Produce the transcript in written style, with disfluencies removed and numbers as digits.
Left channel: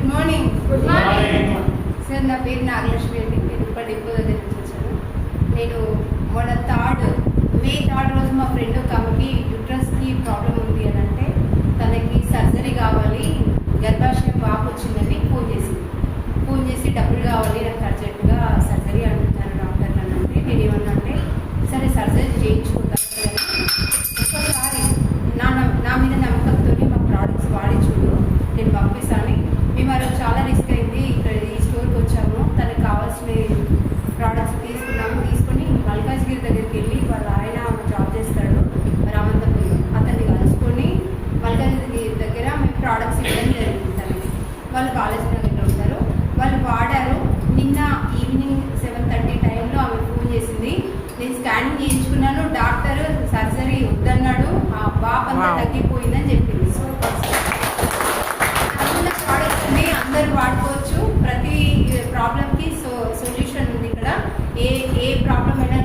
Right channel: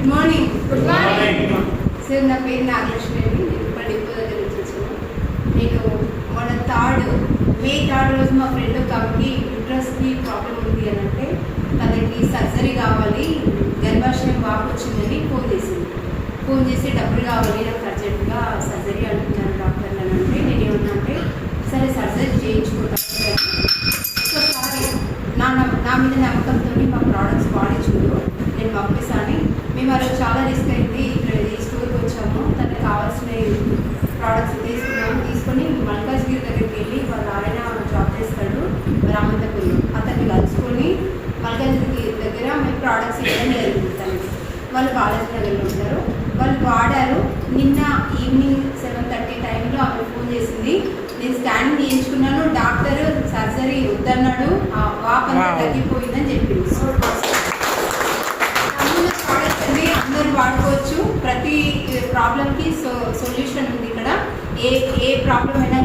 Good morning. Good morning. Sir నా పేరు నాగలక్ష్మి అండి. నేను ఇక్కడ డిపో దగ్గర నుంచి వచ్చాను. నేను మొన్న మే 3 రోజు మా ఫ్రెండ్ ఒక ఆమెకి యూట్రస్కి ప్రాబ్లం ఉంది అని అంటే తనకి సర్జరీ కావాలి, గర్భాశయం బాగా వచ్చిందని ఫోన్ చేసి డబ్బులు కావాలి నాకు అర్జెంటుగా సర్జరీ అంటున్నాను డాక్టర్ అని అంటే నేను ఏమన్నంటే సరే సర్జరీ చేయించుకుంటాను కానీ ఒక్కసారి నా మీద నమ్మకంతో మా ప్రోడక్ట్స్ వాడి చూడు, నేను పంపిస్తాను. మేము అది చాలా రిస్క్ అయింది. ఇక్కడ ఈ స్టోర్కి వచ్చాము, తనకి కావాల్సిన ప్రోడక్ట్స్ తీసుకొని మల్కాజ్గిరి దగ్గరికి వెళ్ళి ఆయన జాబ్ చేస్తాడు రామంతపల్లి, అతన్ని కలుసుకొని మల్కాజ్గిరి దగ్గర మేము ప్రోడక్ట్స్ ఇవ్వడం జరుగుతుంది. వాళ్ళు బాలాజీనగర్లో ఉంటారు. వాళ్ళు వాడారు. నిన్న ఈవినింగ్ 7:30 టైంలో ఆమె ఫోన్ చేసింది. నేను స్కానింగ్ చేయించుకున్నాను, డాక్టర్ సర్జరీ వద్దన్నాడు, వాపంతా తగ్గిపోయిందని చెప్పింది. ప్రోడక్ట్స్ అన్ని అందరు వాడుకోవచ్చు. ప్రతి ప్రాబ్లంకి సొల్యూషన్ ఉంది ఇక్కడ. ఏ ప్రాబ్లం అయినా